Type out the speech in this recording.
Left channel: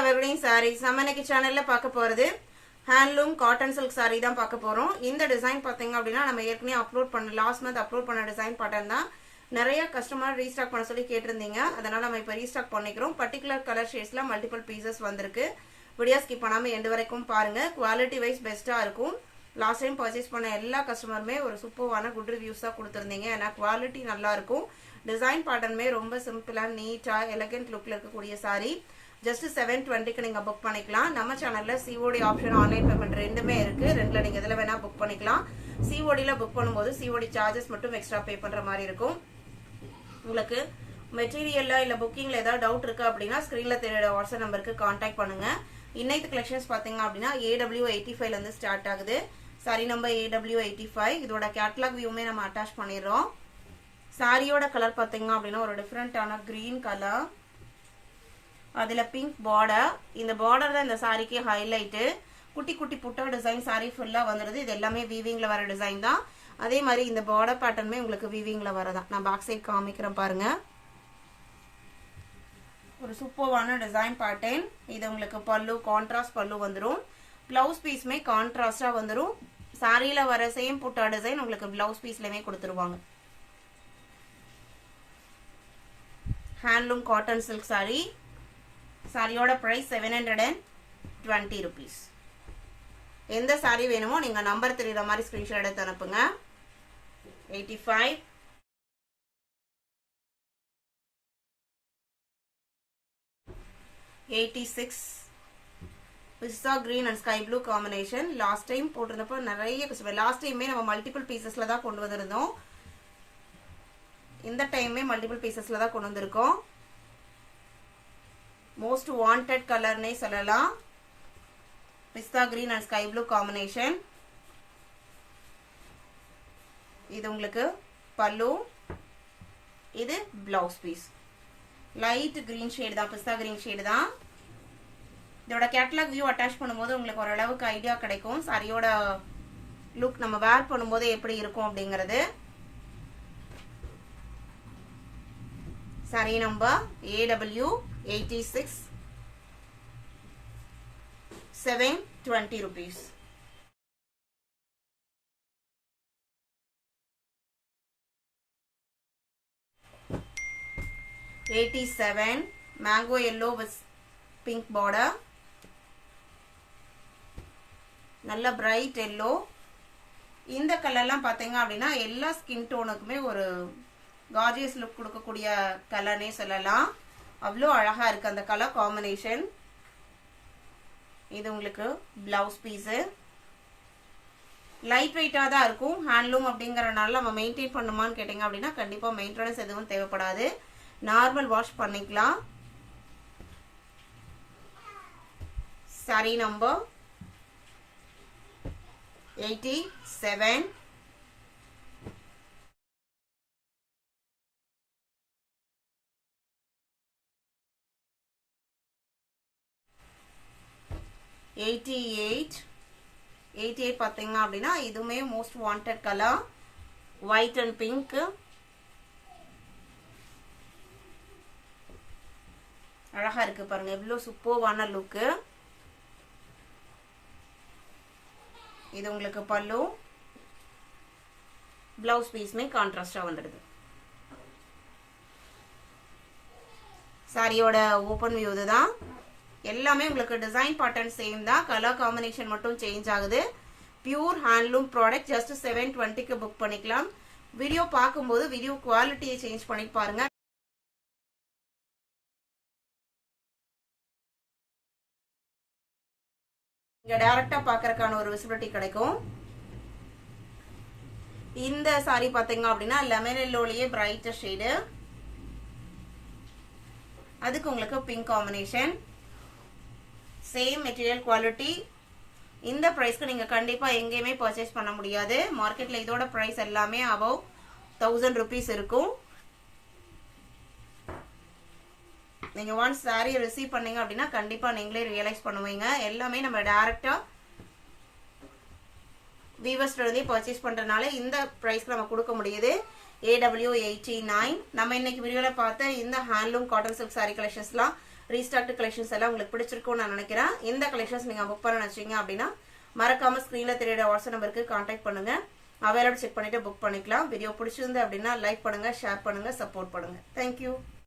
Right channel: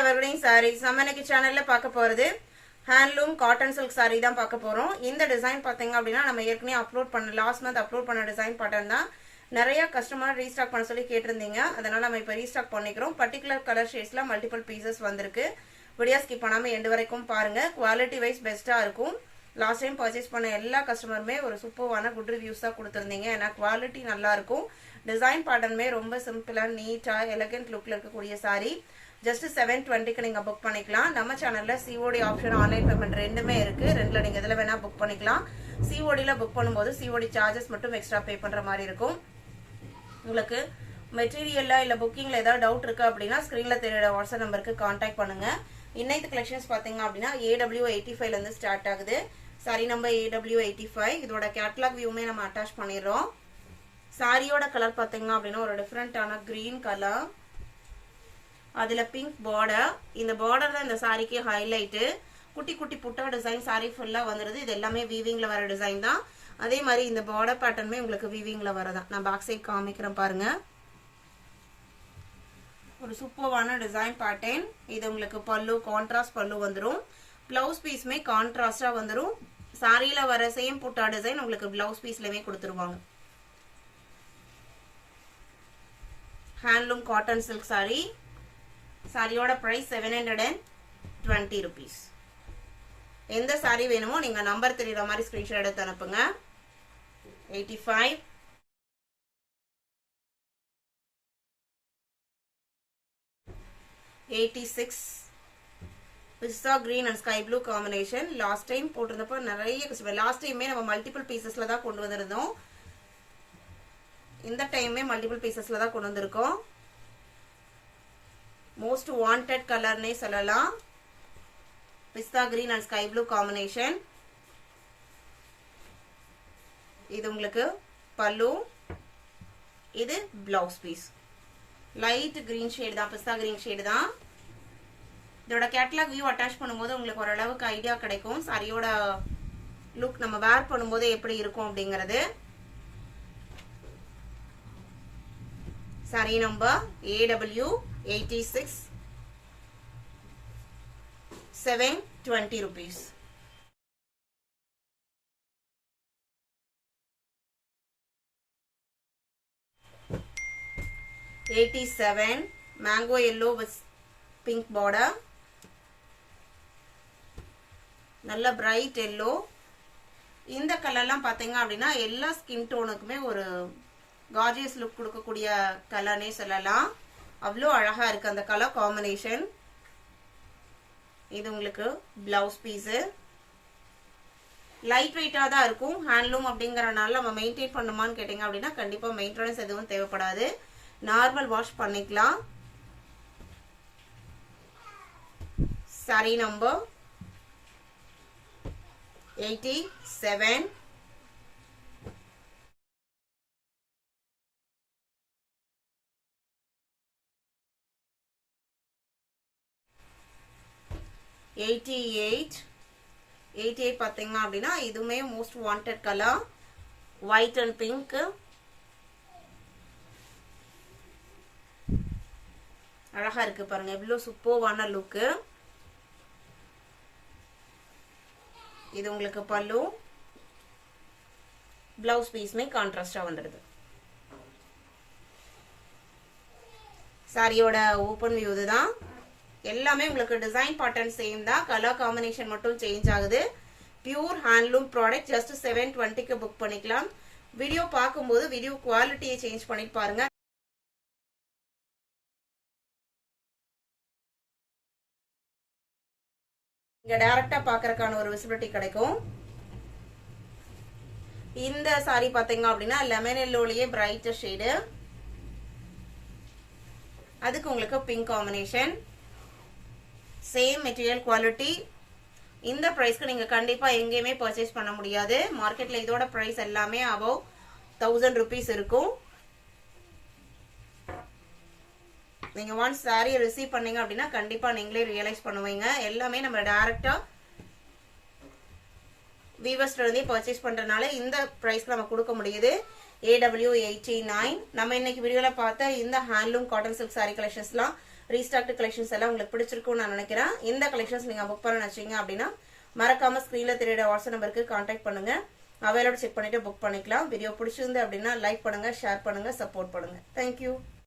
Evergreen Sarees. நம்ம இன்னைக்கு சேனல்ல பார்க்க போறது Handloom cotton silk saree தான் பார்க்க போறோம். இந்த டிசைன் பாத்தீங்க அப்படினா நம்ம ஏற்கனவே அப்லோட் பண்ண லாஸ்ட் மந்த் அப்லோட் பண்ண டிசைன் பேட்டர்ன் தான். நிறைய கஸ்டமர் ரீஸ்டாக் பண்ண சொல்லி கேட்டிருந்தீங்க. அதனால நம்ம இப்ப ரீஸ்டாக் பண்ணிக்கிறோம். பர்టిక్యులர் கலர் ஷேட்ஸ்ல மல்டிபிள் பீசஸ் வந்திருக்கு. வீடியோ ஸ்கிப் பண்ணாம எண்ட் வரைக்கும் பாருங்க. குவாலிட்டி வைஸ் பெஸ்டா இருக்கும். லாஸ்ட் டைம் பர்ச்சேஸ் பண்ண எல்லா கஸ்டமருமே ஒரு சூப்பரான குட் ரிவ்யூஸ் தான் கொடுத்திருந்தீங்க. ஏன்னா குவாலிட்டி நல்லா இருக்கும். டிசைன் பேட்டர்னுமே ரொம்ப சிம்பிளா நீட்டா எலகன்ட் லுக்ல இருக்கக்கூடிய saree. ஜஸ்ட் 720க்கு நீங்க புக் பண்ணிக்கலாம். நம்ம சேனல்ல COD ஆப்ஷன் ஆன்லைன் பேமெண்ட் ரெண்டுமே இருக்கு. ரெண்டுல நீங்க எதுல வேணா புக் பண்ணிக்கலாம். COD ல புக் பண்ணும்போது COD சார்ஜஸ் மட்டும் எக்ஸ்ட்ரா பே பண்ற மாதிரி இருக்கும். உங்களுக்கு மெட்டீரியல்ல இல்ல புக்கிங்ல ஏதாவது டவுட் இருக்கு அப்படின்னா ஸ்கிரீன்ல தெரியுற வாட்ஸ்அப் நம்பருக்கு கான்டாக்ட் பண்ணுங்க. இன்னைக்கு கலெக்ஷன்ஸ் பாத்தீங்க அப்படின்னா AW85 ல இருந்து ஸ்டார்ட் ஆகுது. Sorry number AW85. இதோட கேட்டலாக் வியூமே நம்ம அட்டாச் பண்ணிடுறோம். சாரியோட கலர் பாத்தீங்க அப்படின்னா ஒரு டிஃபரெண்டான கிரீன் கலர், அதுல பிங்க் பார்டர். இந்த பார்டர் தான் இந்த சாரிக்கு ஹைலைட். குட்டி குட்டி புட்டா டிசைன் சாரி ஃபுல்லா வந்துருது. இது எல்லாமே வீவிங்ல வர டிசைன் தான். அதே மாதிரி இந்த பார்டர் பேட்டர்னுமே உங்களுக்கு வீவிங்ல வரதான். நான் பேக் சைட் காமிக்கிறேன் பாருங்க. ஒரு சூப்பரான டிசைன் பேட்டர்ன். இது உங்களுக்கு பல்லு கான்ட்ராஸ்ட் பல்லு வந்துரும். பிளவுஸ் பீஸ்மே கான்ட்ராஸ்டா வந்துரும். சாரியில வர சேம் புட்டா டிசைன் உங்களுக்கு பிளவுஸ் பீஸ்லயுமே கொடுத்துருவாங்க. Handloom cotton silk sorry. சாரியோட பிரைஸ் 720 rupees. எந்த சாரி வேணுமோ நீங்க நம்பர் தெரியுற மாதிரி ஸ்கிரீன்ஷாட் எடுத்து அனுப்புங்க. 85 86 pista green and sky blue combination. Last time போட்டிருந்தப்போ நிறைய லாஸ்ட் டைமே நம்ம மல்டிபிள் பீசஸ்ல தான் கொண்டு வந்திருந்தோம். இந்த டைமே மல்டிபிள் பீசஸ்ல தான் கொண்டு வந்திருக்கோம். மோஸ்ட் வாண்டட் கலர்னே சொல்லலாம். Pista green and sky blue combination. இது உங்களுக்கு பல்லு, இது blouse piece. Light green shade தான், பிஸ்தா கிரீன் ஷேட் தான். இதோட கேட்டலாக் வியூ அட்டாச் பண்ணும்போது உங்களுக்கு ஓரளவுக்கு ஐடியா கிடைக்கும் சாரியோட லுக் நம்ம வேர் பண்ணும்போது எப்படி இருக்கும் அப்படிங்கிறது. Sorry number AW86 720 rupees. $87 mango yellow with pink border. நல்ல பிரைட் yellow. இந்த கலர்லாம் பாத்தீங்க அப்படின்னா எல்லா ஸ்கின் டோனுக்குமே ஒரு கார்ஜியஸ் லுக் கொடுக்கக்கூடிய கலர்னே சொல்லலாம். அவ்வளோ அழகா இருக்கு அந்த கலர் காம்பினேஷன். இது உங்களுக்கு பிளவுஸ் பீஸ். லைட் வெயிட்டா தான் இருக்கும். ஹேண்ட்லூம் அப்படிங்கறனால நம்ம மெயின்டைன் பண்ணுமான்னு கேட்டீங்க அப்படின்னா கண்டிப்பா மெயின்டெனன்ஸ் எதுவும் தேவைப்படாது. நார்மல் வாஷ் பண்ணிக்கலாம். சாரி நம்பர் 87 88 பாத்தீங்க அப்படின்னா இதுவுமே most wanted colour white and pink. அழகா இருக்கு பாருங்க, எவ்வளவு சூப்பர்வான லுக்கு. இது உங்களுக்கு பல்லு, பிளவுஸ் பீஸ்மே கான்ட்ராஸ்டா வந்துடுது. சாரியோட ஓபன் வியூ இதுதான். எல்லாமே உங்களுக்கு டிசைன் பேட்டர்ன் சேம் தான், கலர் காம்பினேஷன் மட்டும் சேஞ்ச் ஆகுது. Pure handloom product. ஜஸ்ட் 720க்கு புக் பண்ணிக்கலாம். வீடியோ பார்க்கும்போது வீடியோ குவாலிட்டியை சேஞ்ச் பண்ணிட்டு பாருங்க. இங்க டைரக்டா பாக்குறதுக்கான ஒரு விசிபிலிட்டி கிடைக்கும். இந்த சாரி பாத்தீங்க அப்படின்னா லெமன் எல்லோலயே பிரைட் ஷேடு, அதுக்கு உங்களுக்கு pink combination. Same material quality. இந்த பிரைஸ்க்கு நீங்க கண்டிப்பா எங்கேயுமே பர்ச்சேஸ் பண்ண முடியாது. மார்க்கெட்ல இதோட பிரைஸ் எல்லாமே அபவ் 1000 rupees இருக்கும். நீங்க ஒன்ஸ் சாரி ரிசீவ் பண்ணீங்க அப்படின்னா கண்டிப்பா நீங்களே ரியலைஸ் பண்ணுவீங்க. எல்லாமே நம்ம டைரக்டா வீவர்ஸ்ல இருந்தே பர்ச்சேஸ் பண்றதுனால இந்த பிரைஸ்க்கு நம்ம கொடுக்க முடியுது. AW89. நம்ம இன்னைக்கு வீடியோல பார்த்த இந்த ஹேண்ட்லூம் காட்டன் சில்க் சாரி கலெக்ஷன்ஸ்லாம் ரீஸ்டாக்டு கலெக்ஷன்ஸ் எல்லாம் உங்களுக்கு பிடிச்சிருக்கும்னு நான் நினைக்கிறேன். இந்த கலெக்ஷன்ஸ் நீங்க புக் பண்ண நினைச்சீங்க அப்படின்னா மறக்காம ஸ்கிரீன்ல தெரியுற வாட்ஸ்அப் நம்பருக்கு கான்டாக்ட் பண்ணுங்க. அவைலபிள் செக் பண்ணிட்டு புக் பண்ணிக்கலாம். வீடியோ பிடிச்சிருந்து அப்படின்னா லைக் பண்ணுங்க, ஷேர் பண்ணுங்க, சப்போர்ட் பண்ணுங்க. தேங்க்யூ.